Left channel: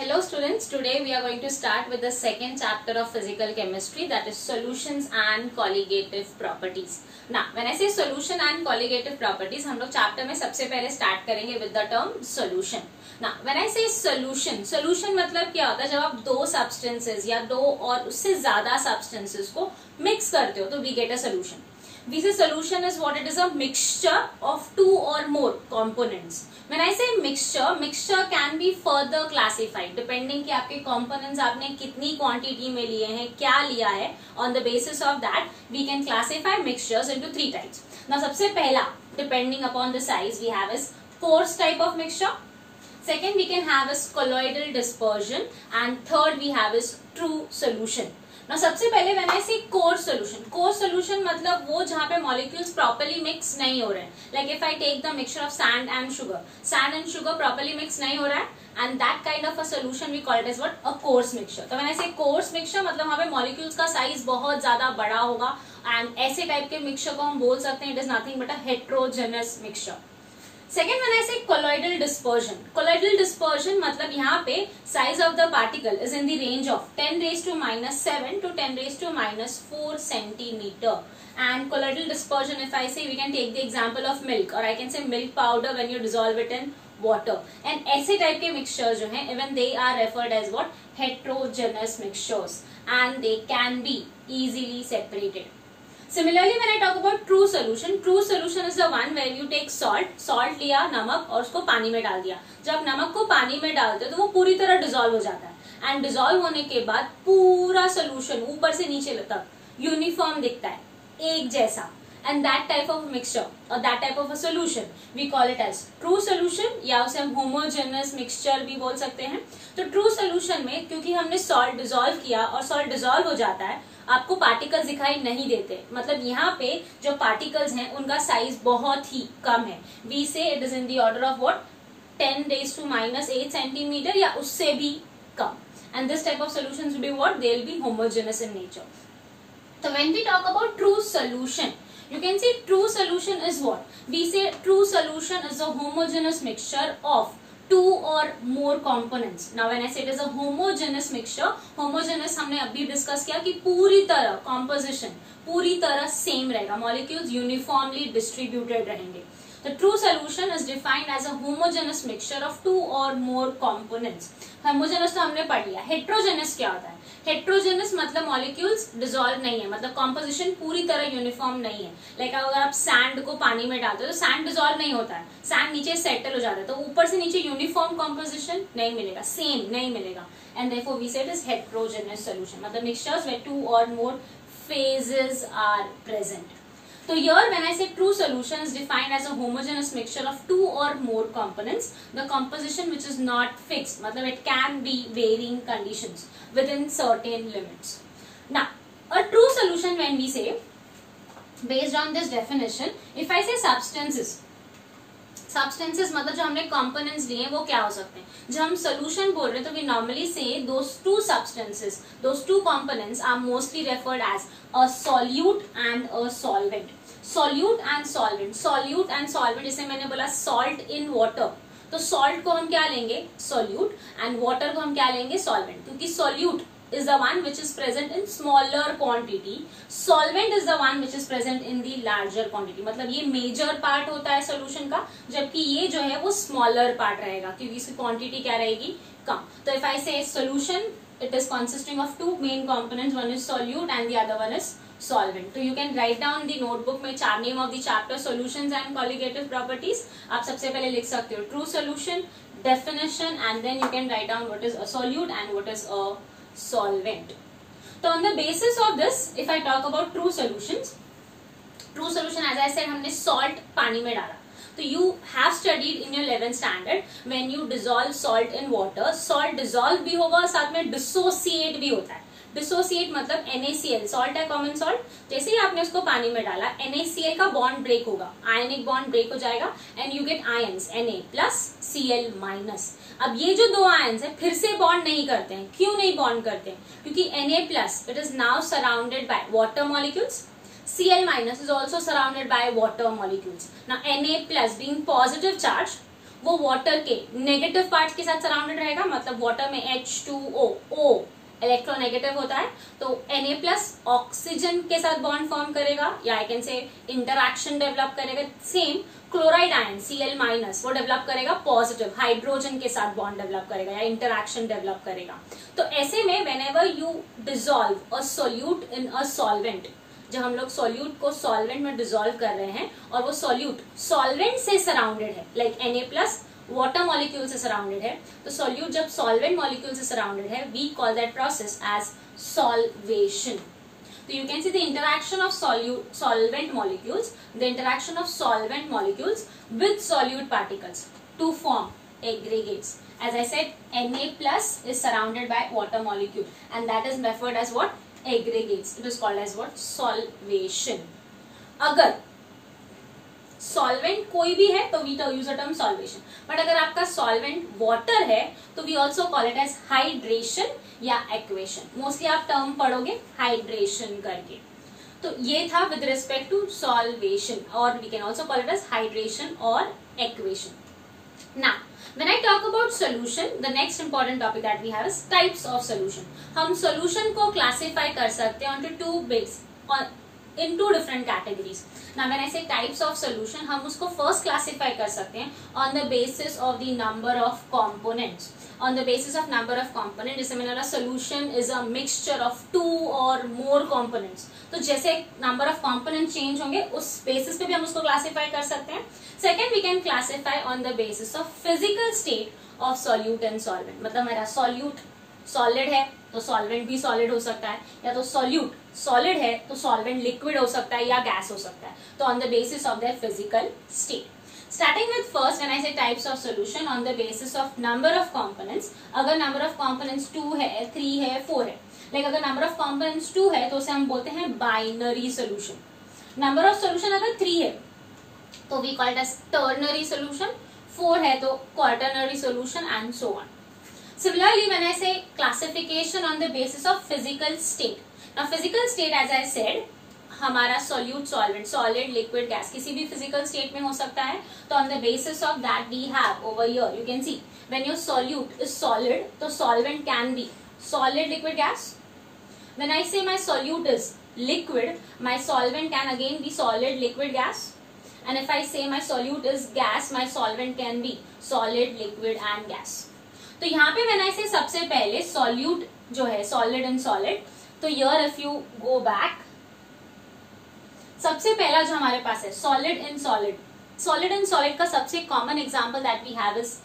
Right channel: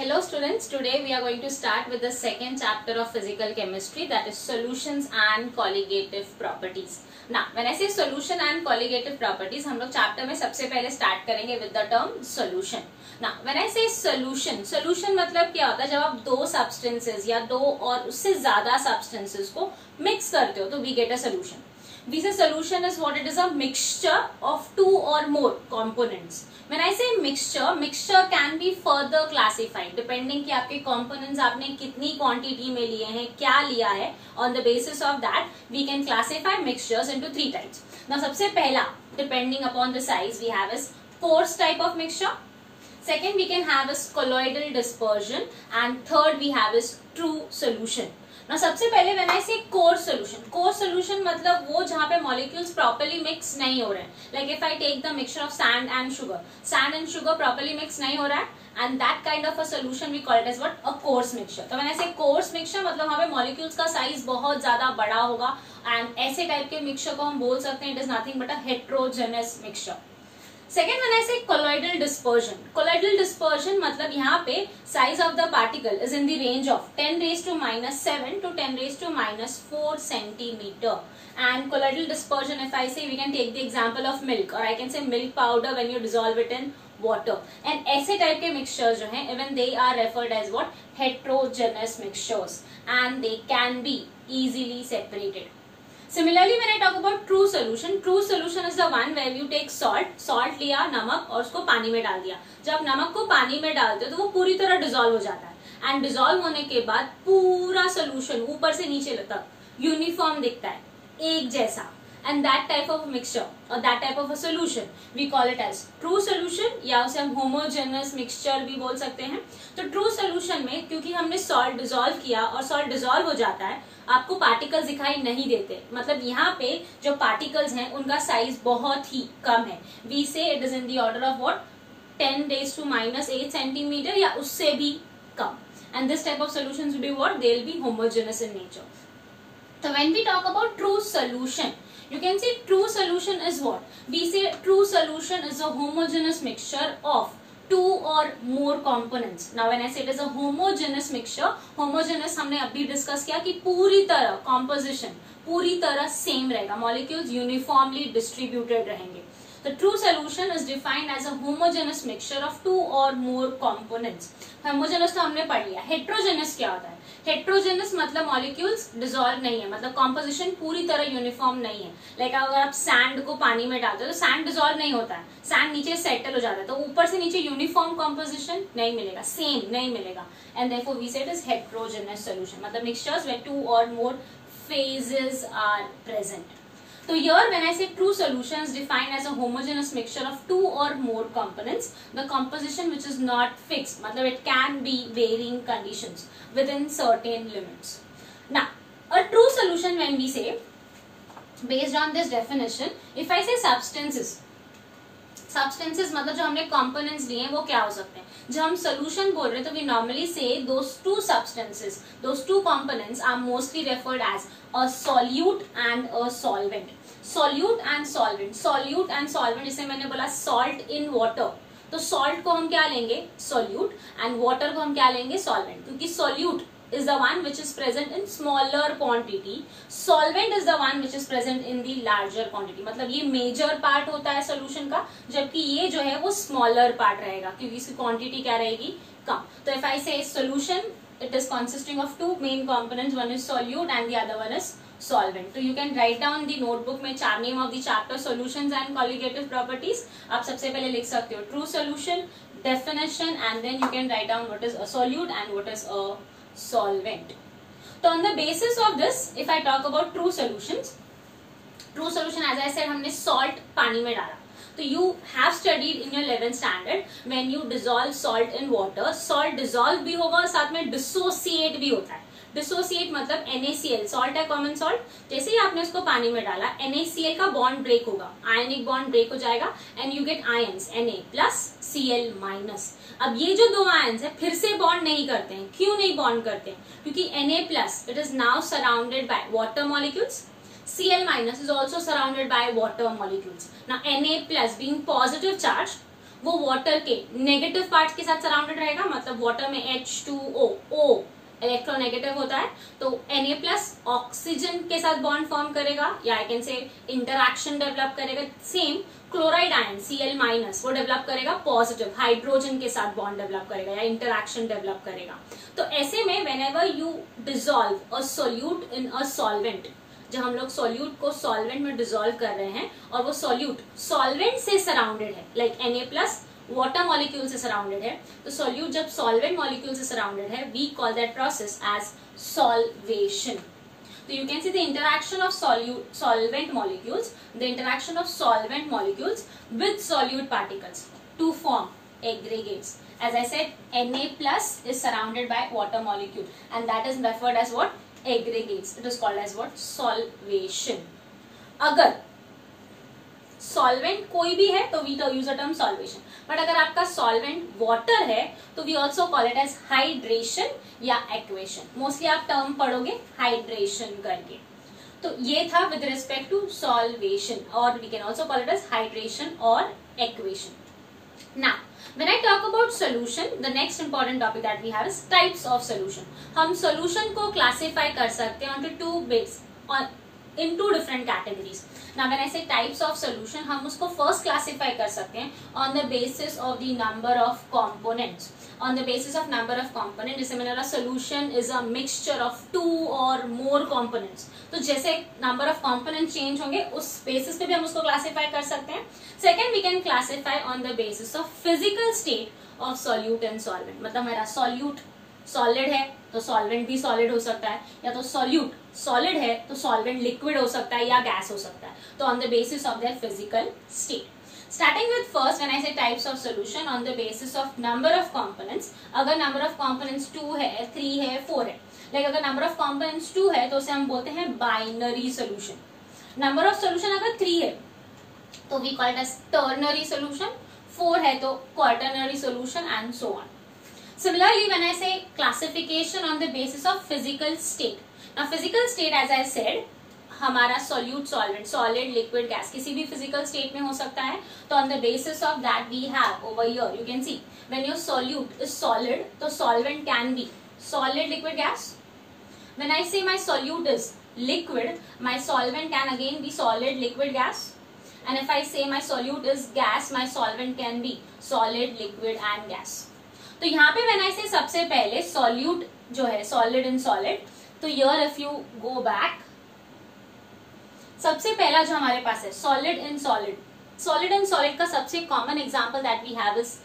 Hello students, today we are going to start with the second chapter of physical chemistry, that is solutions and colligative properties. Now when I say solution and colligative properties, हम लोग chapter में सबसे पहले start करेंगे with the term solution. Now when I say solution मतलब क्या होता है, जब आप दो substances या दो और उससे ज्यादा substances को mix करते हो तो we get a solution. We say solution is what it is, a mixture of two or more components. When I say mixture can be further classified depending कि आपके components आपने कितनी quantity में लिए हैं, क्या लिया है. On the basis of that we can classify mixtures into three types. Now सबसे पहला depending upon the size we have is coarse type of mixture. Second we can have is colloidal dispersion and third we have is true solution. Now सबसे पहले when I say coarse solution मतलब वो जहाँ पे molecules properly mix नहीं हो रहे हैं. Like if I take the mixture of sand and sugar properly mix नहीं हो रहा है, and that kind of a solution we call it as what, a coarse mixture. तो when I say coarse mixture मतलब वहाँ पे molecules का size बहुत ज्यादा बड़ा होगा, and ऐसे type के mixture को हम बोल सकते हैं it is nothing but a heterogeneous mixture. Second, when I say colloidal dispersion मतलब यहाँ पे size of the particle is in the range of 10 raised to minus 7 to 10 raised to minus 4 centimeter. And colloidal dispersion, if I say, we can take the example of milk, or I can say milk powder when you dissolve it in water. And ऐसे type के mixtures जो हैं, even they are referred as what, heterogeneous mixtures, and they can be easily separated. Similarly, when I talk about true solution is the one where you take salt लिया, नमक और उसको पानी में डाल दिया. जब नमक को पानी में डालते हो तो वो पूरी तरह डिसॉल्व हो जाता है, एंड डिसॉल्व होने के बाद पूरा सोल्यूशन ऊपर से नीचे तक यूनिफॉर्म दिखता है, एक जैसा. And that type of mixture or that type of a solution we call it as true solution, या उसे हम homogeneous mixture भी बोल सकते हैं. तो true solution में क्योंकि हमने salt dissolve किया और salt dissolve हो जाता है, आपको particles दिखाई नहीं देते. मतलब यहाँ पे जो particles हैं उनका size बहुत ही कम है. We say it is in the order of what, 10 raised to minus 8 centimeter या उससे भी कम. And this type of solutions will be what, they will be homogeneous in nature. So when we talk about true solution, you can see true solution is what? We say true solution is a homogeneous mixture of two or more components. Now when I say it is a homogeneous mixture, homogeneous हमने अभी discuss किया कि पूरी तरह composition पूरी तरह same रहेगा, molecules uniformly distributed रहेंगे. The true solution is defined as a homogeneous mixture of two or more components. Homogeneous तो हमने पढ़ लिया. Heterogeneous क्या होता है? Heterogeneous मतलब molecules dissolve नहीं है, मतलब composition पूरी तरह uniform नहीं है. Like अगर आप sand को पानी में डालते हो तो sand dissolve नहीं होता है, sand नीचे settle हो जाता है, तो ऊपर से नीचे uniform composition नहीं मिलेगा, same नहीं मिलेगा. And therefore we say it is heterogeneous solution, मतलब mixtures where two or more phases are present. So here when I say true solution is defined as a homogeneous mixture of two or more components, the composition which is not fixed, मतलब it can be varying conditions within certain limits. Now a true solution when we say, based on this definition, if I say substances मतलब जो हमने components लिए हैं वो क्या हो सकते हैं. जब हम solution बोल रहे हैं तो we normally say those two substances, those two components are mostly referred as a solute and a solvent. Solute and solvent जैसे मैंने बोला salt in water, तो salt को हम क्या लेंगे, solute, and water को हम क्या लेंगे, solvent. क्योंकि solute is the one which is present in smaller quantity, solvent is the one which is present in the larger quantity. मतलब ये major part होता है solution का, जबकि ये जो है वो smaller part रहेगा क्योंकि इसकी quantity क्या रहेगी, कम. तो if I say solution, it is consisting of two main components, one is solute and the other one is solvent. So you can write down the notebook में name of the chapter solutions and colligative properties. आप सबसे पहले लिख सकते हो true solution, definition, and then you can write down what is a solute and what is a solvent. So on the basis of this, if I talk about true solution as I said हमने salt पानी में डाला. So you have studied in your 11th standard when you dissolve salt in water, salt dissolve भी होगा और साथ में dissociate भी होता है. डिसोसिएट मतलब NaCl, सॉल्ट है कॉमन सॉल्ट, जैसे ही आपने उसको पानी में डाला NaCl का बॉन्ड ब्रेक होगा, आयनिक बॉन्ड ब्रेक हो जाएगा and you get ions Na plus Cl minus. अब ये जो दो आयंस है फिर से बॉन्ड नहीं करते हैं. क्यों नहीं बॉन्ड करते हैं? क्योंकि Na plus it is now surrounded by water molecules, Cl minus is also surrounded by water molecules. Now Na plus being positive charge वो वाटर के नेगेटिव पार्ट के साथ सराउंडेड रहेगा, मतलब वाटर में H2O O इलेक्ट्रोनेगेटिव होता है, तो Na+ ऑक्सीजन के साथ बॉन्ड फॉर्म करेगा, या I can say interaction develop करेगा। सेम क्लोराइड आयन Cl- वो डेवलप करेगा पॉजिटिव हाइड्रोजन के साथ बॉन्ड डेवलप करेगा या इंटरैक्शन डेवलप करेगा। तो ऐसे में whenever you dissolve a solute in a solvent, जब हम लोग सॉल्यूट को सॉल्वेंट में डिसॉल्व कर रहे हैं और वो सॉल्यूट सॉल्वेंट से सराउंडेड है, लाइक Na+ वाटर मॉलिक्यूल से सराउंडेड है, तो सॉल्यूट जब सॉल्वेंट मॉलिक्यूल से सराउंडेड है, we call that process as solvation. So you can see the interaction of solvent molecules, the interaction of solvent molecules with solute particles to form aggregates. As I said, Na+ is surrounded by water molecule, and that is referred as what? Aggregates. It is called as what? Solvation. अगर solvent कोई भी है तो we use a term solvation, but अगर आपका solvent water है तो we also call it as hydration या एक्वेशन। मोस्टली आप टर्म पढ़ोगे हाइड्रेशन करके। तो ये था विद रिस्पेक्ट टू सॉल्वेशन, और we can also call it as hydration और aquation. Now when I talk about solution, the next important topic that we have is types of solution. हम solution को classify कर सकते हैं onto two base in two different categories. Now when I say types of solution, हम उसको first classify कर सकते हैं on the basis of the number of components. On the basis of number of components, जैसे मैंने बोला solution is a mixture of two or more components. तो जैसे number of components change होंगे उस basis पे भी हम उसको classify कर सकते हैं. Second, we can classify on the basis of physical state of solute and solvent. मतलब मेरा solute solid है तो solvent भी solid हो सकता है, या तो solute solid है तो solvent liquid हो सकता है या gas हो सकता है, तो on the basis of their physical state. Starting with first, when I say types of solution, on the basis of number of components. अगर number of components 2 है, 3 है, 4 है, like अगर number of components 2 है तो उसे हम बोलते हैं binary solution. Number of solution अगर 3 है तो we call it as ternary solution, 4 है तो quaternary solution and so on. Similarly, when I say classification on the basis of physical state. Now physical state, as I said, हमारा solute, solvent, solid, liquid, gas किसी भी physical state में हो सकता है, तो on the basis of that we have over here, you can see when your solute is solid, तो solvent can be solid, liquid, gas. When I say my solute is liquid, my solvent can again be solid, liquid, gas. And if I say my solute is gas, my solvent can be solid, liquid and gas. तो यहाँ पे when I say सबसे पहले solute जो है solid and solid, तो here if you go back, सबसे पहला जो हमारे पास है solid and solid. Solid and solid का सबसे common example that we have is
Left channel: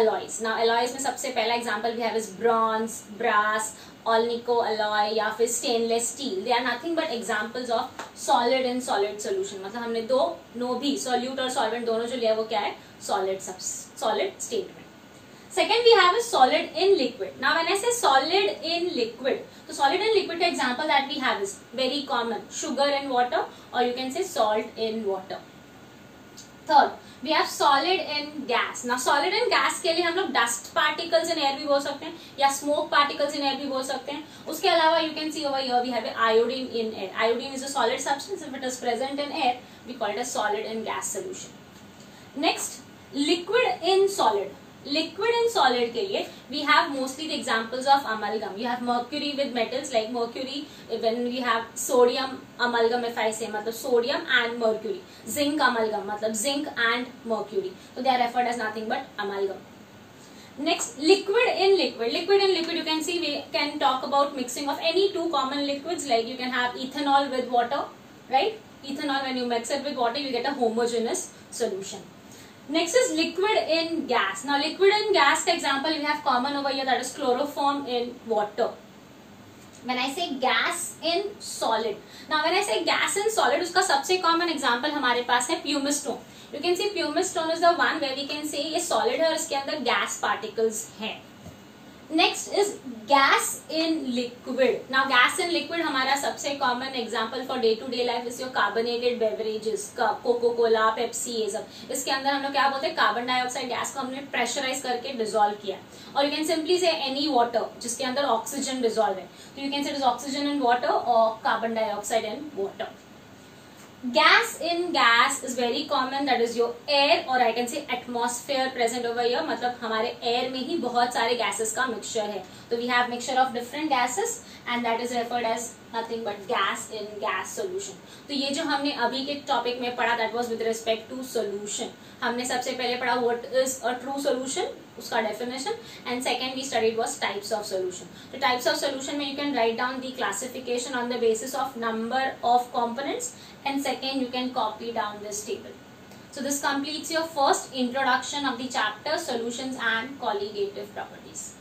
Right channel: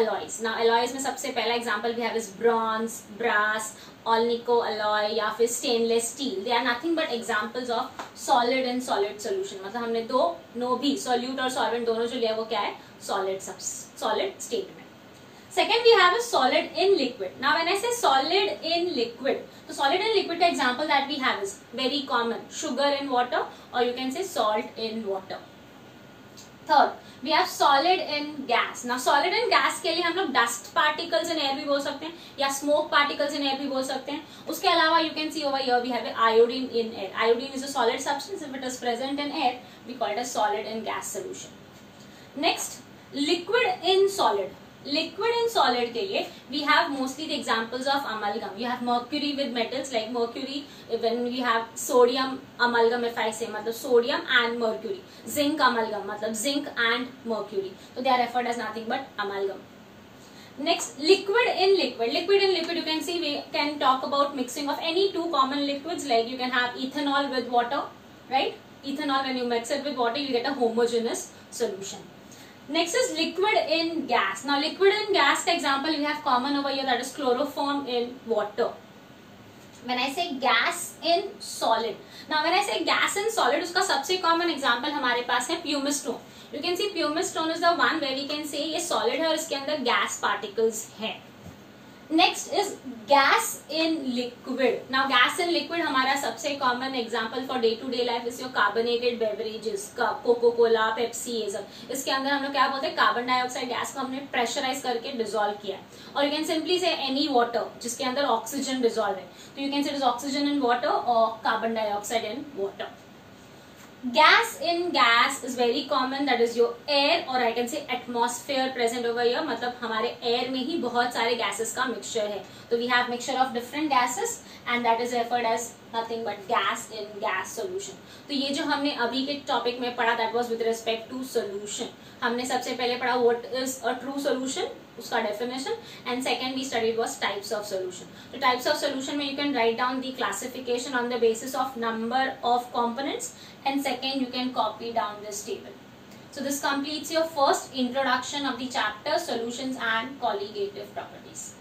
alloys. Now alloys में सबसे पहला example we have is bronze, brass, alnico alloy या फिर stainless steel. They are nothing but examples of solid and solid solution. मतलब हमने दो भी solute और solvent दोनों जो लिया वो क्या है? solid state में. Second, we have a solid in liquid. Now, when I say solid in liquid, so solid in liquid का example that we have is very common, sugar in water, or you can say salt in water. Third, we have solid in gas. Now, solid in gas के लिए हम लोग dust particles in air भी बोल सकते हैं, या smoke particles in air भी बोल सकते हैं. उसके अलावा you can see over here we have iodine in air. Iodine is a solid substance. If it is present in air, we call it as solid in gas solution. Next, liquid in solid. Liquid and solid के लिए we have mostly the examples of amalgam. You have mercury with metals like mercury. When we have sodium amalgam, if I say मतलब sodium and mercury. Zinc amalgam मतलब zinc and mercury. So they are referred as nothing but amalgam. Next, liquid in liquid. Liquid in liquid, you can see we can talk about mixing of any two common liquids, like you can have ethanol with water, right? Ethanol, when you mix it with water, you get a homogeneous solution. Next is liquid in gas. Now liquid in gas का example we have common over here, that is chloroform in water. When I say gas in solid. Now when I say gas in solid, उसका सबसे common example हमारे पास है pumice stone. You can see pumice stone is the one where we can say ये solid है और इसके अंदर gas particles हैं. Next is gas in liquid. Now gas in liquid हमारा सबसे common example for day to day life is your carbonated beverages, Coca Cola, Pepsi, ये सब. इसके अंदर हम लोग क्या बोलते हैं, कार्बन डाइऑक्साइड गैस को हमने प्रेशराइज करके डिसॉल्व किया है. और you can simply say any water जिसके अंदर ऑक्सीजन डिसॉल्व है, तो you can say it is oxygen in water और carbon dioxide in water. gas in gas is very common, that is your air or I can say atmosphere present over here. मतलब हमारे air में ही बहुत सारे gases का mixture है. तो we have mixture of different gases and that is referred as nothing but gas in gas solution. तो ये जो हमने अभी के टॉपिक में पढ़ा that was with respect to solution. हमने सबसे पहले पढ़ा what is a true solution, उसका definition, and second we studied was types of solution. तो types of solution में you can write down the classification on the basis of number of components, and second you can copy down this table. So this completes your first introduction of the chapter solutions and colligative properties.